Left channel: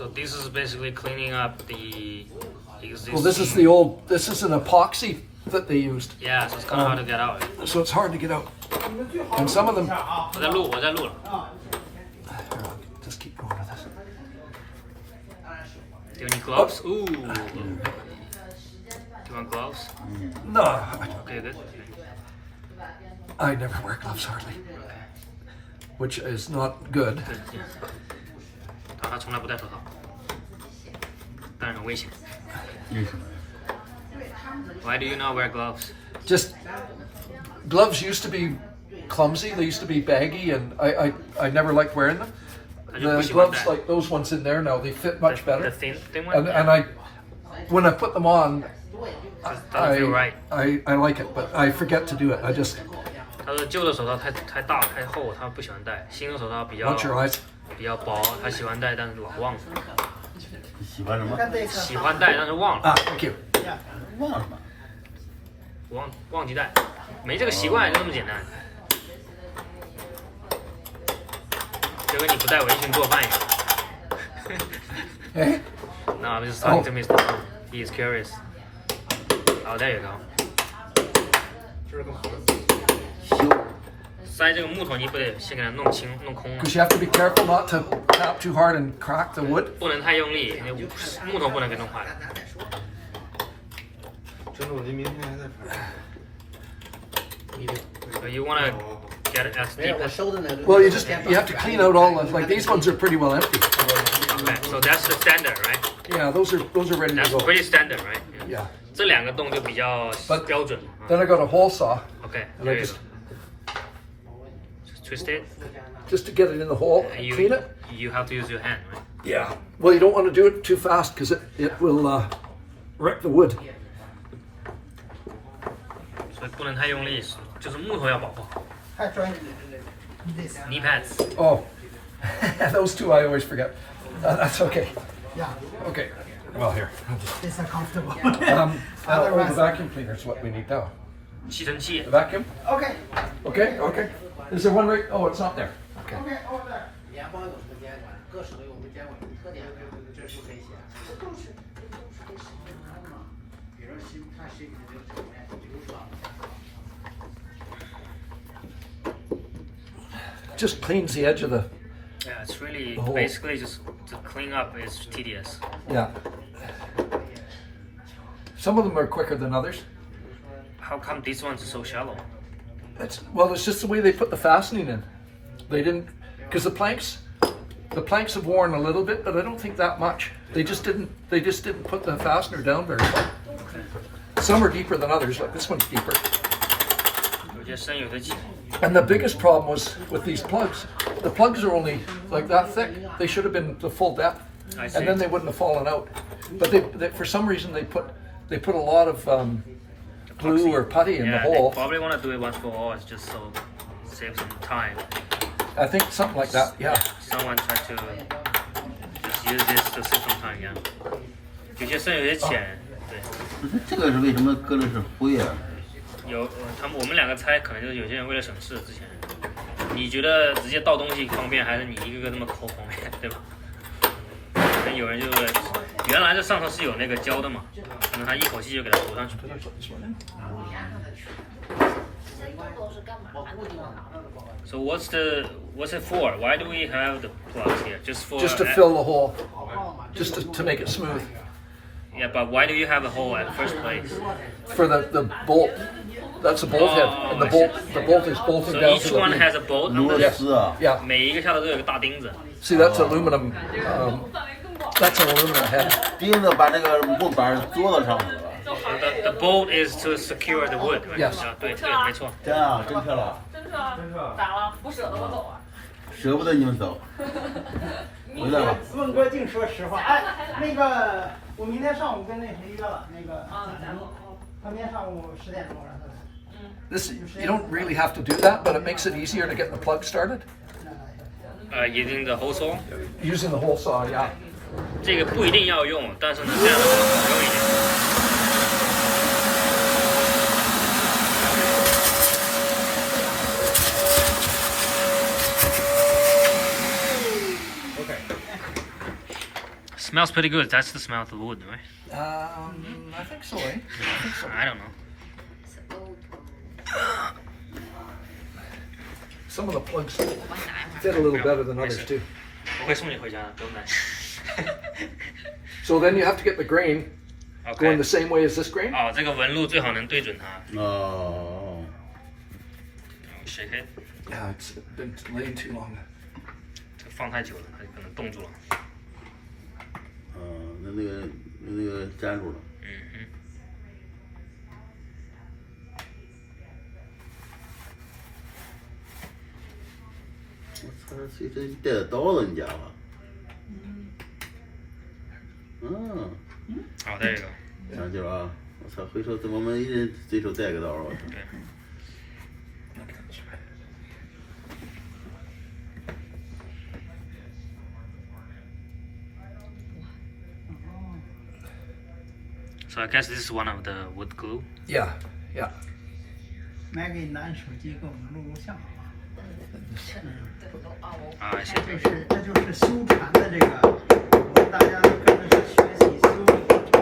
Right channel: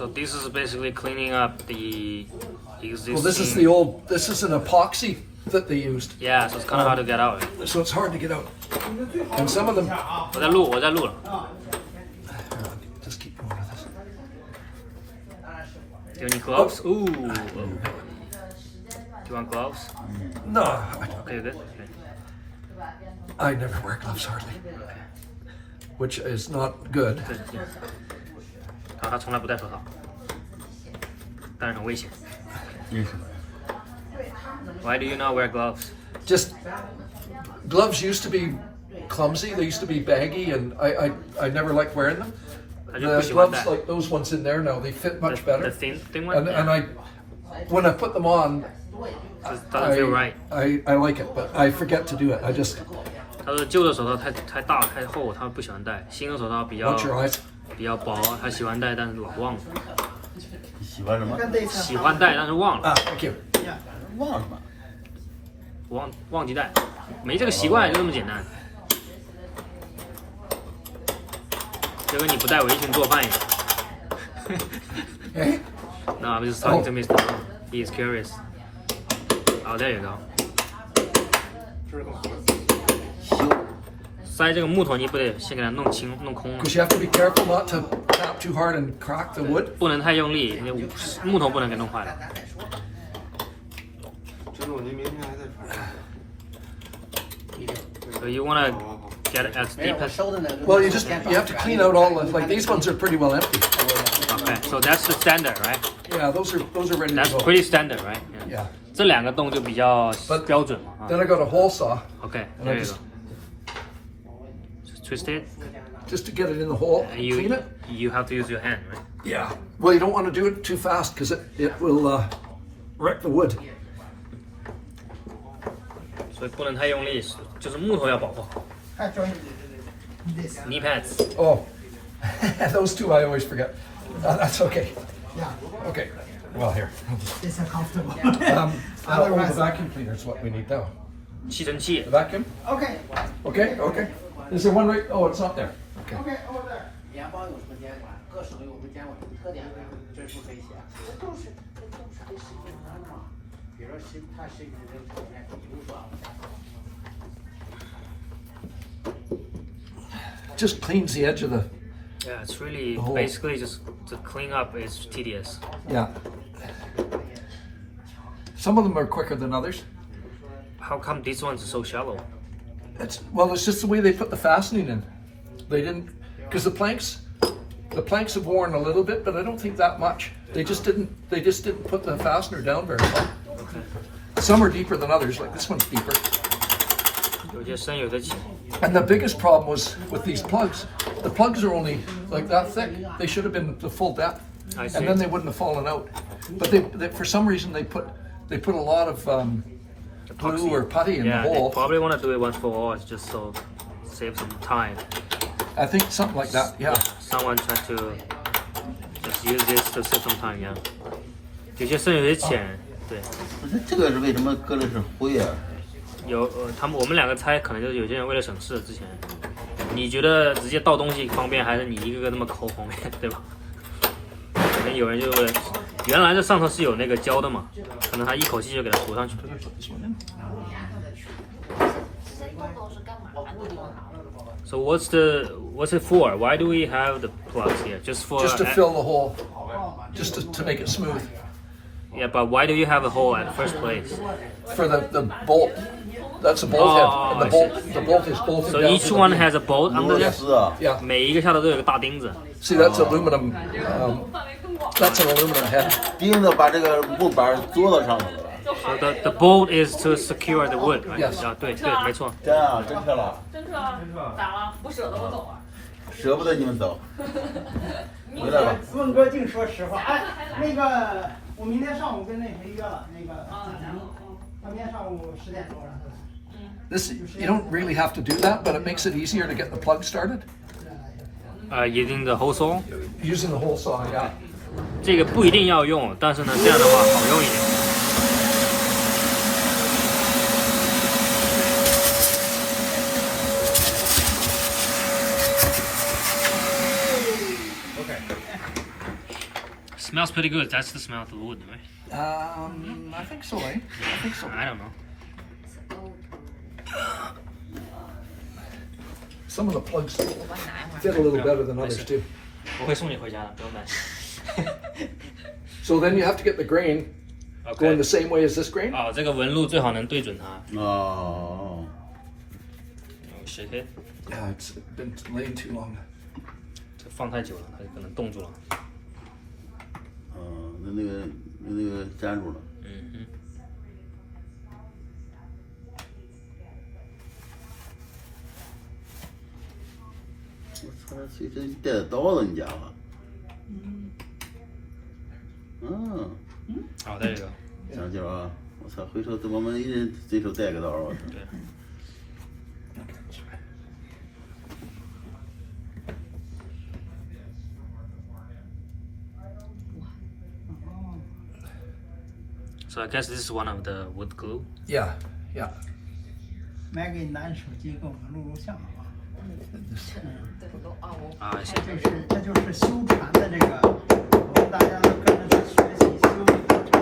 So this is basically cleaning up the existing. Well, this is the old. This is an epoxy that they used, Yeah, so it's kind of hard to get out. so it's hard to get out. And some of them. 我在录了。Just keep going with this. Do you need gloves? Ooh. Do you want gloves? No, Okay, you're good. Okay. I never wear gloves hardly, which is not good. Good. Yeah. 他从来不戴手套，但是很危险。Why do you not wear gloves? Just gloves used to be clumsy. They used to be baggy, and I never liked wearing them. 他就不 The 喜欢 gloves 戴。 like those ones in there now, they fit much The better. thin one. And I, when I put them on, Just doesn't feel right. I like it, but I forget to do it. I just 他说旧的手套太大太厚，他不喜欢戴。新的手套比较 watch your eyes. 比较薄，他喜欢戴，但是老忘了。喜欢什么？喜欢戴，但是忘了， Ah, thank you. 忘了吗？忘记戴，没这个习惯，就这么简单。就跟你不带围裙做饭一样。 Hey, No, I'm just talking to Oh. Mr. Tom. He is curious. Oh, there you go. 塞这个木头，你不得先给它弄清、弄空了， because you have to be careful not to tap too hard and crack the wood. 不能太用力，那木头不能给弄坏了。So you wanna get it as deep as. Well, you have to clean out all the like these ones are pretty well empty. Okay, so that's the standard, right? Yeah, those are ready to That's go. pretty standard, right? Yeah. 这两个洞就比较 But- 标准嘛。 Then I got a hole saw Okay, and there I you just go. Just twist it. just to get it in the hole, And you clean it. you have to use your hand, right? Yeah. Well, you don't want to do it too fast because it will wreck the wood. 所以不能太用力，就是木头要保护好。Knee pads. Oh, those two I always forget. That's okay. Yeah, Okay. Well, here. it's uncomfortable. The vacuum cleaner is what we need now. 吸尘器 The vacuum. Okay, Okay. Okay. Is there one right? Oh, it's not there. Okay. okay, over there. 联邦有空间，各省有空间，特点这是可以写。就是嘛，比如西看西部的这里面，比如说。 Just cleans the edge of the. Yeah, it's really The hole. basically just to clean up is tedious. Yeah. Some of them are quicker than others. How come these ones are so shallow? It's just the way they put the fastening in. They didn't, because the planks have worn a little bit, but I don't think that much. They just didn't put the fastener down very well. Some are deeper than others, like this one's deeper. 有些深，有些浅。 And the biggest problem was with these plugs. The plugs are only like that thick. They should have been the full depth, I see. and then they wouldn't have fallen out. But they for some reason they put a lot of glue or putty in Yeah, the they hole. probably want to do it once for all, it's just so save some time. I think something like that. Yeah. Someone tried to just use this to save some time, yeah. 有些深，有些浅，对。这个是为什么搁的是灰啊？我们两个猜，可能就是有些人为了省事，之前你觉得直接倒东西方便，还是你一个个那么抠方便，对吧？可能有人就原来这上头是有那个胶的嘛，可能他一口气就给它涂上去。So what's it for? Why do we have the plugs here? Just Just to fill the hole, just to make it smooth. Yeah, but why do you have a hole at first place? For the bolt. That's a bolt head, and the bolt is bolting So down each to the one beam. has a bolt 螺 under it. 丝啊， Yeah. 每一个下头都有个大钉子。 See, that's aluminum. That's an aluminum head. 钉子把这个木板做到上面了。 So the bolt is to secure the wood, right? Yes. 啊，对，没错。这样真漂亮，真是啊，咋了？不舍得我走啊？舍不得你们走。回来吧。问郭靖说实话，哎，那个我明天上午跟那谁约了，那个他明天上午10点钟让他来。 This you don't really have to do that, but it makes it easier to get the plug started. Using the hole saw， Using the hole saw, yeah. 这个不一定要用，但是呢，这样的话好用一点。Smells pretty good. That's the smell of the wood, right? I think so, eh? I think so. I don't know. Some of the plugs fit a little better than others too. 我会送你回家的，不用担心。 So then you have to get the grain going the OK。 same way as this grain. 哦，这个纹路最好能对准它。哦， 谁可以？ Yeah, it's been laying too long. 这个放太久了，它可能冻住了。那个粘住了。嗯哼。我操，谁这带着刀子你家伙？嗯，好，这个。讲究啊！我操，回头我们一人随手带个刀，我操。对。 So I guess this is one of the wood glue. Yeah, yeah. 买给男手机给我们录录像吧。啊，谢这就是修船的这个，我们大家跟着去学习修的过程。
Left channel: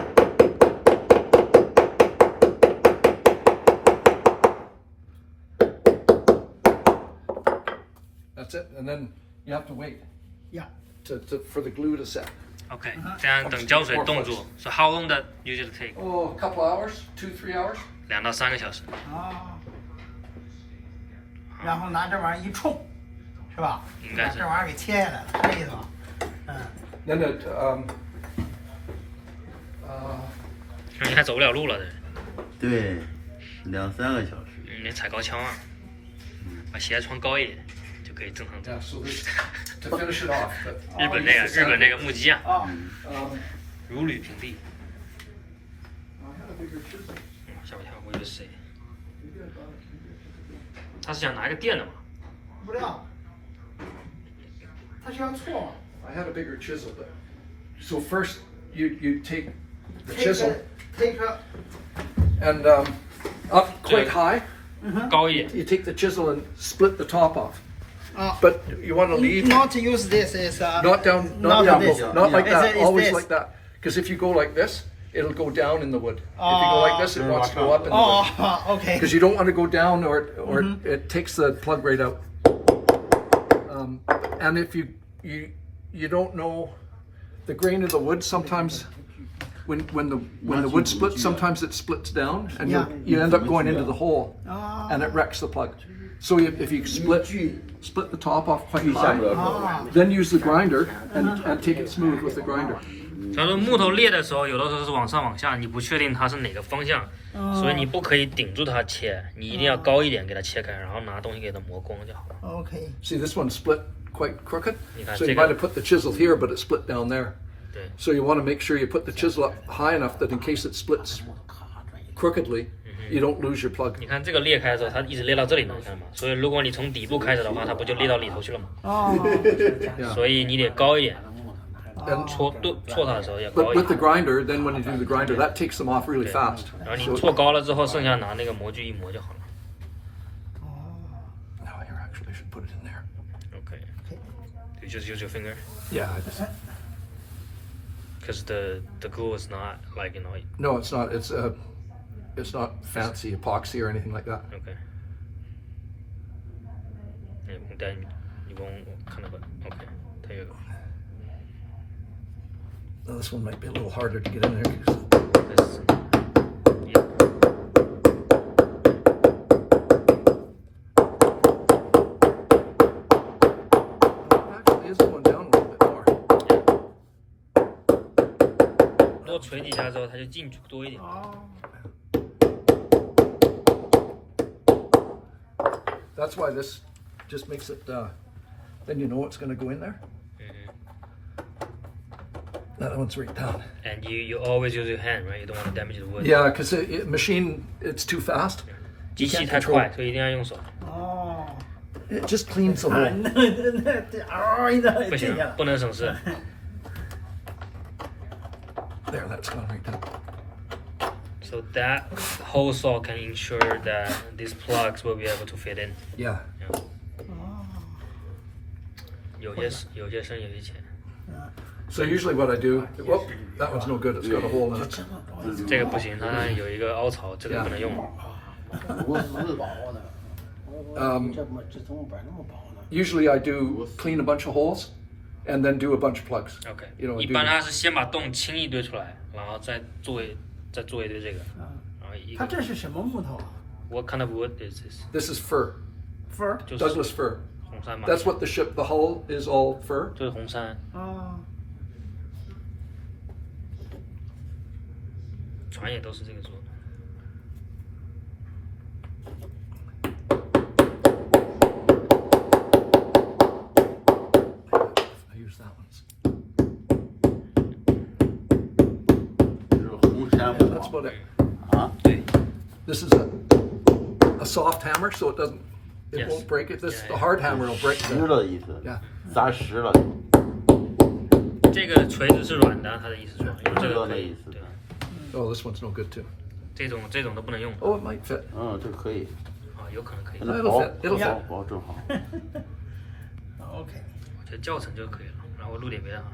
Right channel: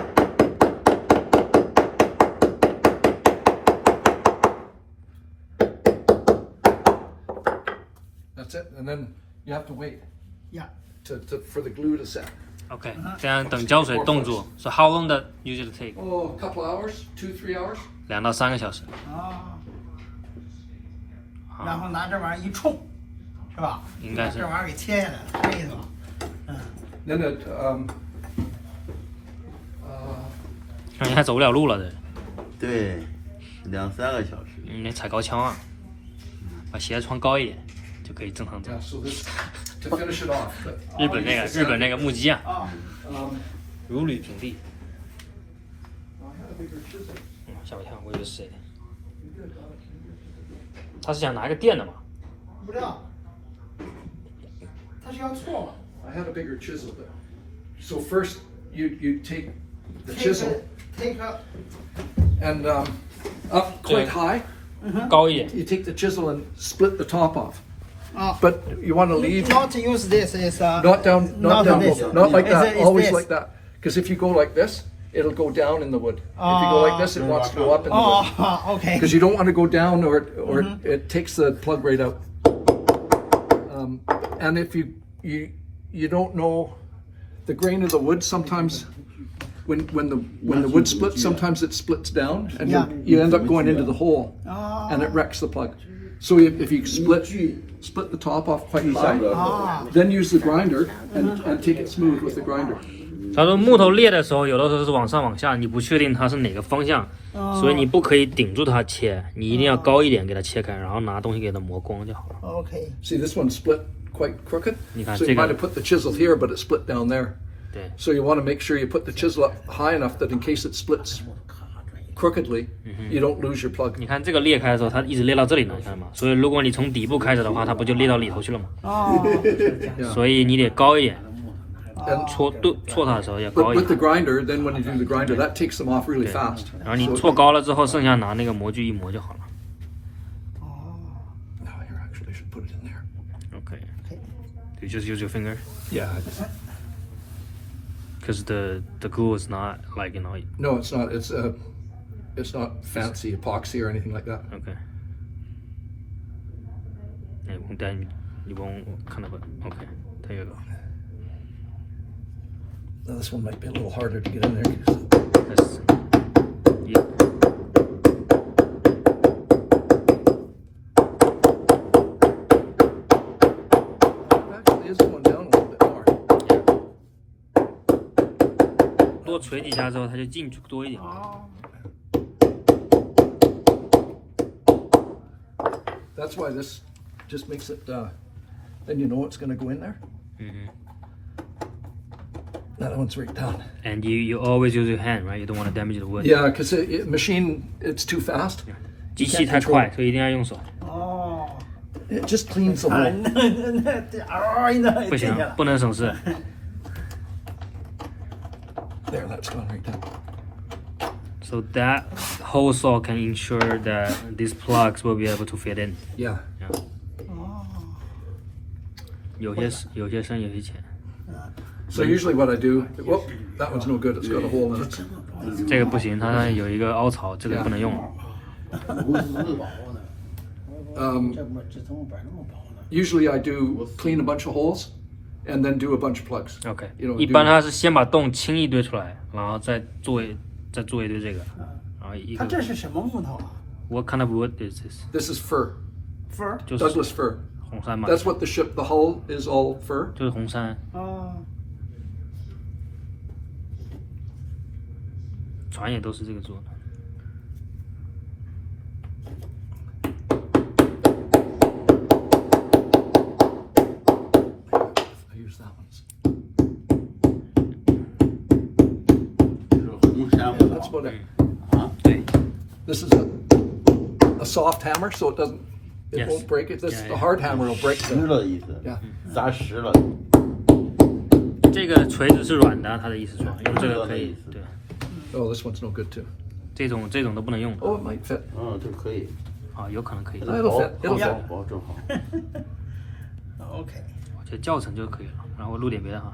That's it. And then you have to wait Yeah. for the glue to set. OK，这样等胶水冻住。So how long that usually take? Oh, a couple hours, 2-3 hours. 2到3个小时。啊。然后拿这玩意儿一冲，是吧？应该是把这玩意儿给切下来了，是这意思吧？嗯。 Then it, 你还走不了路了，这。对，2-3个小时。你踩高跷啊，把鞋穿高一点，就可以正常走。 yeah, so this, to finish it off. But, 日本那个木屐啊，啊。 如履平地。 I had a bigger chisel. 吓我一跳，我以为是谁。他是想拿一个电的嘛？不知道。他需要锉嘛？ I had a bigger chisel, but so first you take the chisel take a and up quite high. 高一点。 You take the chisel and split the top off. But you want to leave not use this is not down, not Not down, this. not like Is that. it- is Always this? like that. Because if you go like this, it'll go down in the wood. If you go like this, it wants to go up in the wood. 哦，OK。 Because you don't want to go down, or it takes the plug right out. And if you don't know the grain of the wood, sometimes when the wood splits, sometimes it splits down, and you end up going into the hole, and it wrecks the plug. So if you split the top off quite high, then use the grinder and take it smooth with the grinder. 他说木头裂的时候，有的时候是往上往下，你不确定它是哪个方向，所以你不可以顶住它切，你一定要高一点给它切开，然后拿东西给它磨光就好了。 OK。 See, this one split quite crooked, Yeah, so you take might it. have put the chisel here, but it split down there. 对， So you want to make sure you put the chisel up high enough that in case it splits crookedly, you don't lose your plug. 你看这个裂开的时候，它一直裂到这里呢，看到吗？所以如果你从底部开始的话，它不就裂到里头去了吗？哦。所以你得高一点， And 搓它的时候也 but 高一 with the 点。 grinder, then when you do the grinder, that takes them off really fast. 然后你 So, 搓高了之后，剩下拿那个模具一磨就好了。 oh, here, actually, I should put it in there. OK， you just use your finger Yeah, I just. because the glue is not like No, it's not. It's not fancy epoxy or anything like that. OK，then you won't kind of OK，there you go。 Now, this one might be a little harder to get in there. 'cause- This, yeah. It actually is going down a little bit more. 多捶几下之后，它就进去多一点。 That's why this just makes it. Then you know it's going to go in there. That one's right down. And you always use your hand, right? You don't want to damage the wood. Yeah, because machine it's too fast. 机器太快，所以一定要用手。哦。 It just cleans the hole. 不行，不能手势。 There, that's gone right down. So that whole saw can ensure that these plugs will be able to fit in. Yeah. 有些深，有些浅。So usually what I do, well, that one's no good. It's got a hole in it. 这个不行，它有一个凹槽，这个不能用。Usually I do clean a bunch of holes, and then do a bunch of plugs. OK， You know, 一般它是先把洞清一堆出来，然后再做一堆这个，然后一个。它这是什么木头啊 What kind of wood is this？ This is fir, ？fir。就是 Douglas fir. 红杉嘛， That's what the ship, the hull is all fir. 就是红杉，哦，船也都是这个做的。I use that one. 就是红杉 Yeah, 木 that's 头 about it. 对， This is a soft hammer, so it Yes. won't break it. The hard hammer will break 实 the. 了的意思， Yeah. 砸实了，这个锤子是软的，他的意思是，这个可以，对， Oh, this one's no good too. 这种都不能用 Oh, it might fit. 这可以，啊，有可能可以， It'll fit. It'll fit. 薄正好。 OK。我觉得教程就可以了，然后录点别的哈。